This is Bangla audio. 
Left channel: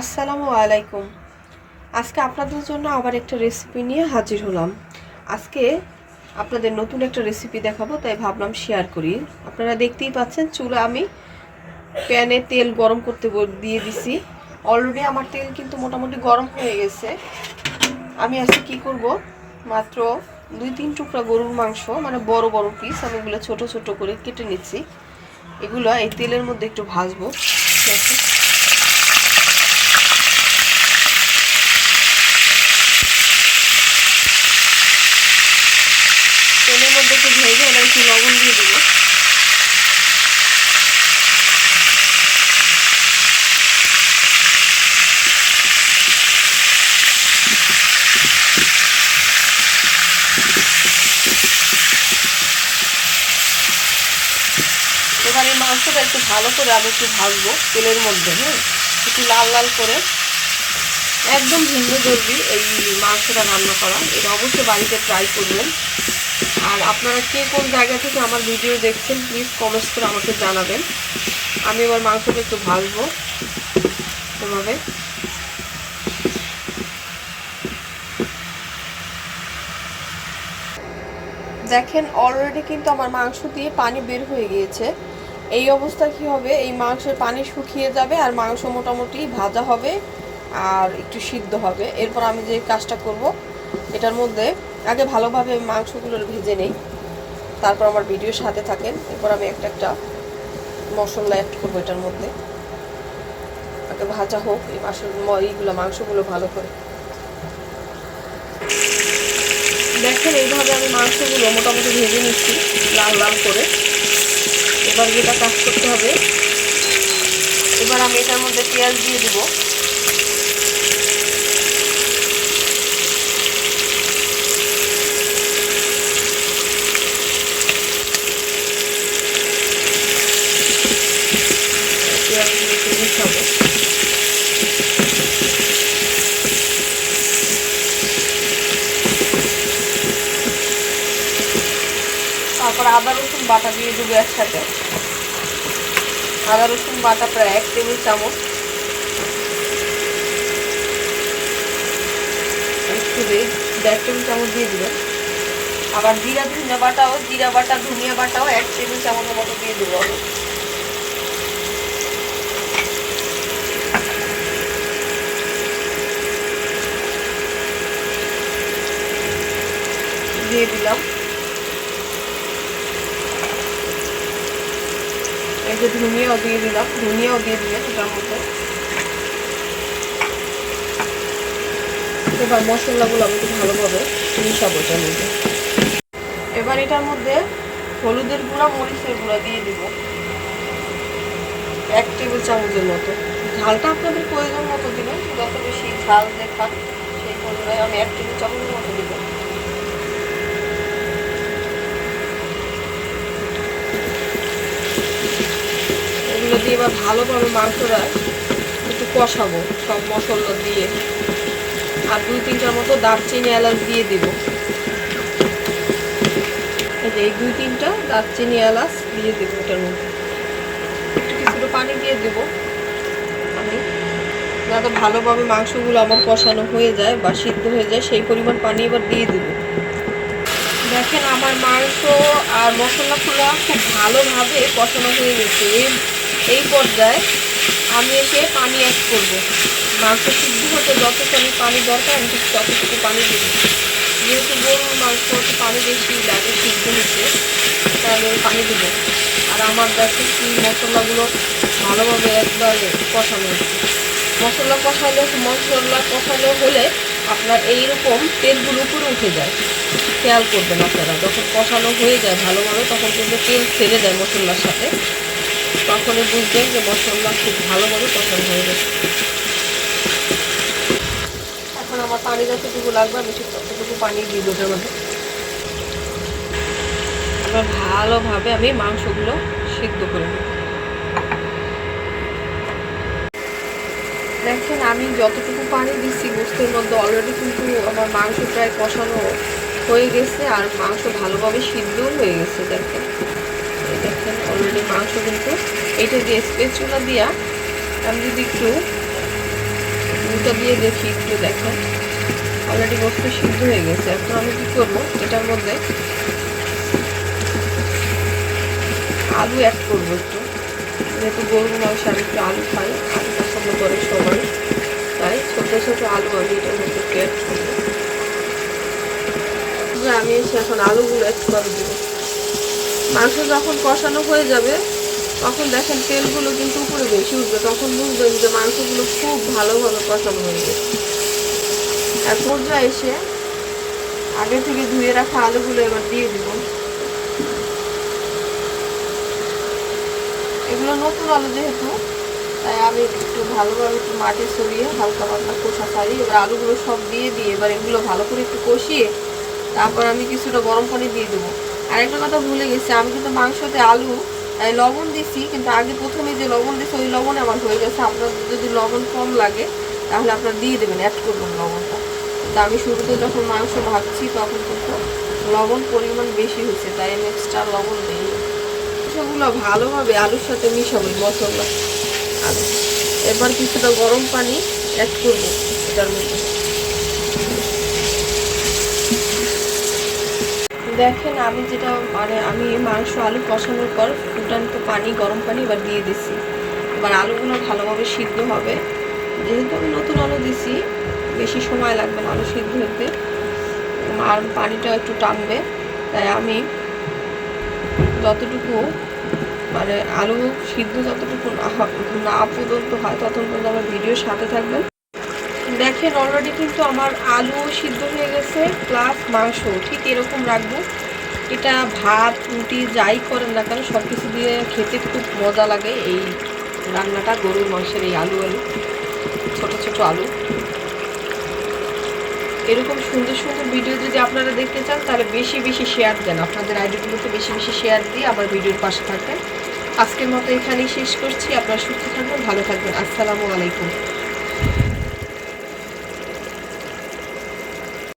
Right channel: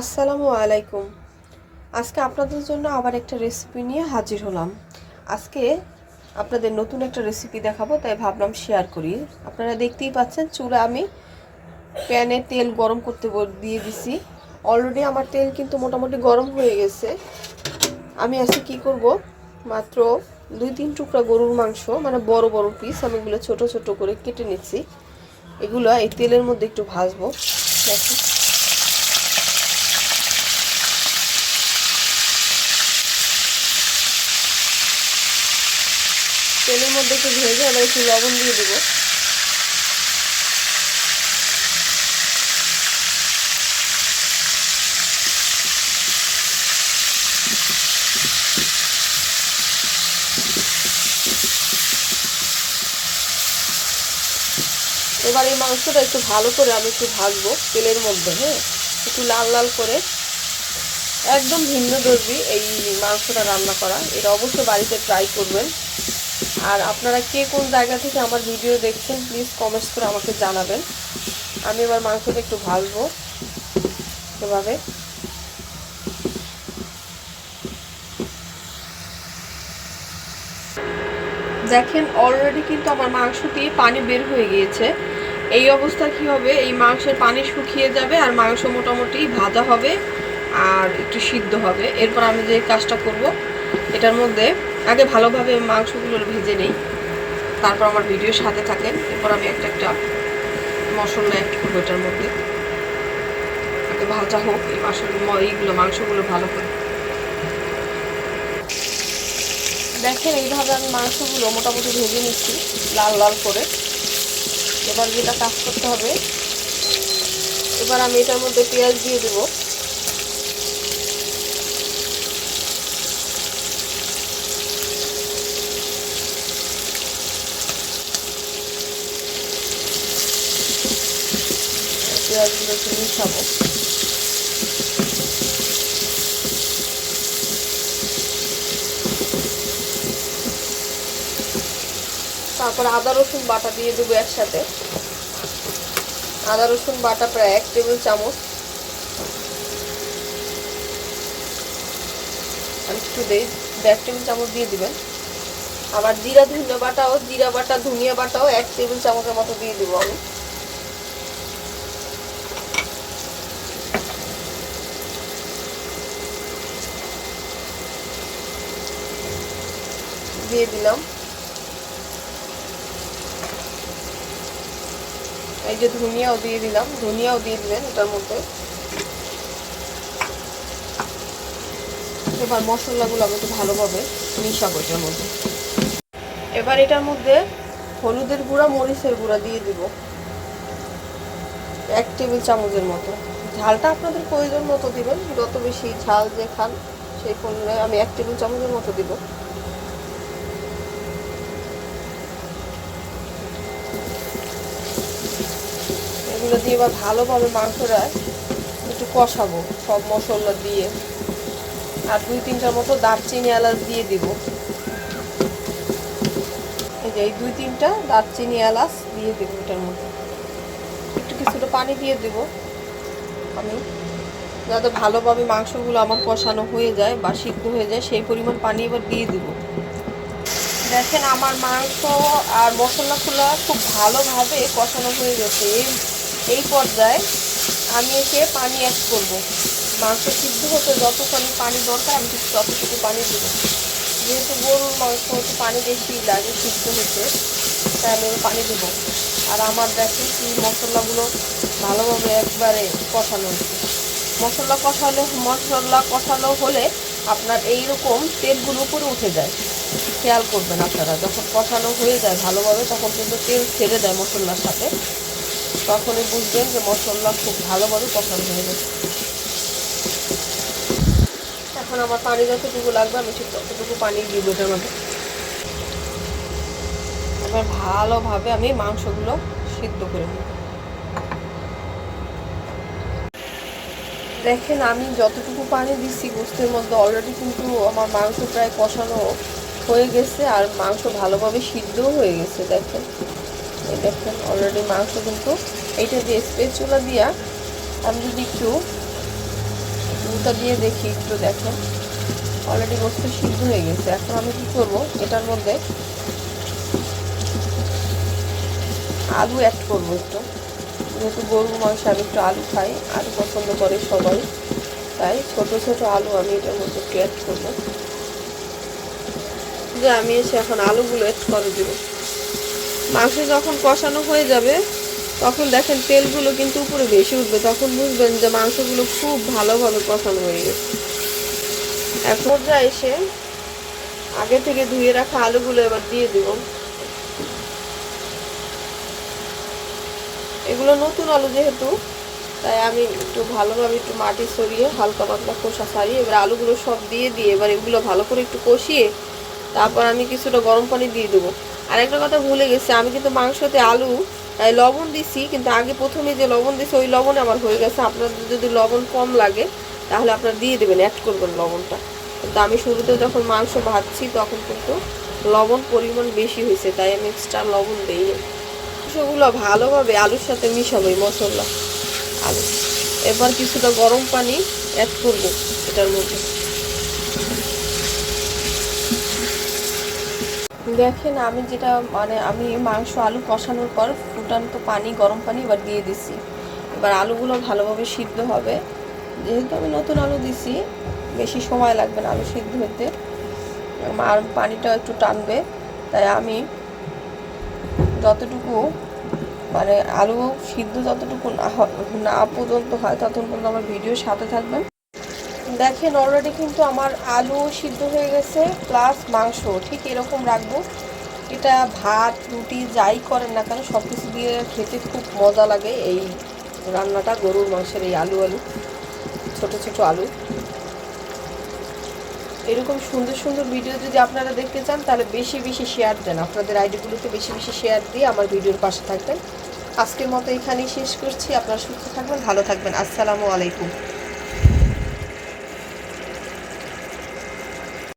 আসসালামু আলাইকুম। আজকে আপনাদের জন্য আবার একটা রেসিপি নিয়ে হাজির হলাম। আজকে আপনাদের নতুন একটা রেসিপি দেখাবো, তাই ভাবলাম শেয়ার করি। আপনারা দেখতেই পাচ্ছেন চুলা আমি প্যানে তেল গরম করতে দিয়ে দিছি। অলরেডি আমার তেল কিন্তু মোটামুটি গরম হয়ে গেছে। আমি আজকে কি করব, মাত্র 2-3 টুকরা গরুর মাংস, মানে বড় বড় পিস, আমি এগুলো ছোট ছোট করে কেটে নিচ্ছি। এগুলো এই তেলের মধ্যে একটু ভাজবো। দেখুন, তেলের মধ্যে একটু ভেজে এবার একটু লবণ দিয়ে দেবো। এবার এই মাংসটা একটু ভালো করে আমি একটু ভাজবো তেলের মধ্যে, হ্যাঁ, একটু লাল লাল করে। একদম ভিন্ন ধর্মী এই মাংসটা রান্না করা, এটা অবশ্যই বাড়িতে ট্রাই করবেন। আর আপনারা কে কোন জায়গা থেকে আমার ভিডিও দেখছেন প্লিজ কমেন্টস করে আমাকে জানাবেন। আমি এবার মাংসটা একটু ভাজবো এভাবে। দেখেন অলরেডি কিন্তু আমার মাংস দিয়ে পানি বের হয়ে গিয়েছে। এই অবস্থা কি হবে, এই মাংসের পানি শুকিয়ে যাবে আর মাংস মোটামুটি ভাজা হবে আর একটু সিদ্ধ হবে। এরপর আমি যে কাজটা করব, এটার মধ্যে আগে ভালোভাবে মাংসগুলো ভেজে নেই, তারপর আমার ভিডিওর সাথে থাকেন। এরপর আমি একটা একটা মশলা অ্যাড করবো এটার মধ্যে। আগে ভাজা হোক এই মাংসগুলো ভালো করে। দেখেন এইভাবে আমি মাংসগুলো মোটামুটি ভেজে নিচ্ছি লাল লাল করে। এবার যেটা কাজ করতে হবে, এবার আমি এটার মধ্যে পেঁয়াজ দিয়ে দেবো। পেঁয়াজগুলো একটু মিশাবো। তারপর আদা রসুন বাটা দিয়ে দেবো একসাথে। আদা রসুন বাটা প্রায় 1 টেবিল চামচ। একটু 1.5 টেবিল চামচ দিয়ে দিবেন। আবার জিরা ধনিয়া বাটা ধনিয়া বাটাও 1 টেবিল চামচের মতো দিয়ে দেবো আমি। দিয়ে দিলাম। এই যে ধনিয়াও দিয়ে দিলাম, ধনিয়াও দিয়ে দিবেন এটার মধ্যে। এবার মশলাগুলো আমি একটু ভালোভাবে মিশাবো এটার মধ্যে। এবার এটার মধ্যে হলুদের গুঁড়া মরিচের গুঁড়া দিয়ে দিব 1 টেবিল চামচের মতো। ঝালটা আপনাদের প্রয়োজন মতো দিবেন, যত বেশি ঝাল যে খান সেই পরিমাণে আমি 1 টেবিল চামচের মতো দিব। এগুলো দিয়ে এবার ভালোভাবে মাংসটা একটু কষাবো সব মশলা দিয়ে। আর 2-3টার মতো দারচিনি এলাচ দিয়ে দিব। এই 2-3টা দারচিনি এলাচ দিয়ে দেবো এটার মধ্যে। একটু কিছুটা পানি দিয়ে দেবো আমি, যাতে ভালোভাবে মাংসগুলো আমার কষানো হয়ে যায় বা সিদ্ধ হয়ে যায়, সেই পরিমাণ পানি এবার দিয়ে দেবো। দেখেন আমার মাংস আর মশলাগুলো খুব ভালোভাবে কষানো হয়ে গেছে। এই পর্যায়ে আমি এসে পানি অ্যাড করব। মাংস সিদ্ধ হতে যতখানি পানি দরকার আমি ঠিক ততটুকু পানি দেবো। যেহেতু গরুর মাংস একটু পানি বেশি লাগে সিদ্ধ হতে, তাহলে পানি দেবো। আর আমার দেখেন মশলাগুলো ভালোভাবে একবারে কষানো হচ্ছে। মশলা কষানো হলে আপনার এইরকম তেলগুলো উপরে উঠে যায়। খেয়াল করবেন আপনারা, যখন কষানো হয়ে যায় ভালোভাবে তখন কিন্তু তেল ছেড়ে দেয় মশলার সাথে, তখনই বুঝবেন যে মশলা খুব ভালোভাবে কষানো হয়ে গেছে। এখন আমার পানি যতটুকু লাগবে আমি ঠিক ততটুকু পানি দিব এটার মধ্যে। এবার ভালোভাবে আমি মাংসগুলো সিদ্ধ করে নেব। দেখেন আমি যতটুকু পানি দিচ্ছি গোস্তের মধ্যে অলরেডি কিন্তু আমার মাংস প্রায় কষানো হয়ে গেছে আর মাংস ভালোভাবে সিদ্ধও হয়ে গেছে। দেখেন অলরেডি মাংস কিন্তু এইটা দিয়ে স্পেচুলা দিয়া আমি যদি একটু দুধটা দিয়ে দেখি একটু দেখেন অলরেডি গোস্ত সিদ্ধ হয়ে গেছে। এখন আমি কি করবো, এটার মধ্যে আলু অ্যাড করবো একটু, যেহেতু গরুর মাংস আমি একটু আলু খাই, আলু পছন্দ করে সবাই, তাই ছোট ছোট আলু আমি এটার মধ্যে অ্যাড করবো। যে আমি এসে এখন আলুগুলো অ্যাড করে দেবো। মাংস যখন কষানো হয়ে যাবে তখন দেখেন তেলগুলো কিন্তু উপরে বেশি উঠবে, তখন বুঝবেন যে মাংসগুলো খুব ভালোভাবে কষানো হয়ে গেছে। এখন যা এসে আগে থেকে ধুয়ে রাখা আলুগুলো এবার দিয়ে দেব। এগুলো নতুন আলু যেহেতু, তাই আমি একটু ভালোভাবে একটু মাটি সরিয়ে হালকা পাতলা কষা ছাড়িয়ে এবার আলুগুলো সব দিয়ে এবার এগুলো ভালো করে একটু কষিয়ে তারপর আমি কিছুটা গরম পানি দিয়ে দেবো। আর একটা কথা ভুলে গেছি, আমি কিন্তু মাংসতে আলু লবণ দিছি, কিন্তু আগে প্রথমে যে লবণ দিছি ওই লবণে আমার হয়ে গেছে। আপনার যদি লবণ কম লাগে তাহলে আপনার দিয়ে দেবেন, অ্যাড করবেন লবণটা। তো আমি শুরুতে যখন মাংস ভাজছি তখন কিন্তু লবণ পরিমাণ বেশি হয়েছে, তাই আমি এক্সট্রা লবণ দিই। সেগুলো ভালোভাবে আলুর সাথে মিশাবো মশলা আলু। এবার কিছুটা গরম পানি অ্যাড করবো এটার মধ্যে। দেখেন আমি যেটা আমি মাংস আলু কষানোর পর ফুটান্ত পানি গরম পানি এবার দিয়ে দিছি। এবার আলুগুলো ভালোভাবে সিদ্ধ হবে, যেহেতু আমি নতুন আলু দিছি বেশি সময় লাগবে না আলু সিদ্ধ হতে, আর পানিটা একটু টানবে। তাই আমি যতটুকু আলু সিদ্ধ যতটুকু না পর্যন্ত হয় ততক্ষণ পর্যন্ত আমার ভিডিওর সাথে থাকবেন। দেখেন অলরেডি কিন্তু আমার আলু সিদ্ধ হয়ে গেছে, প্লাস মাংস ঠিক এরকম রাখবো। এটা ভাত রুটি যাই করেন না কেন সব কিছু দিয়ে খেতে খুব মজা লাগে এই রান্নাটা, গরুর মাংসের এই আলু ছোট ছোট আলু। এরকম সুন্দর সুন্দর ভিডিও যদি আপনারা দেখতে চান তাহলে বেশি বেশি শেয়ার দেন, আপনাদের আইডিগুলোতে বেশি বেশি শেয়ার দিয়ে আমার ভিডিওর পাশে থাকবেন। আজকের মতো এখানেই শেষ করছি। আপনারা সুস্থ থাকবেন, ভালো থাকবেন। আসসালামু আলাইকুম।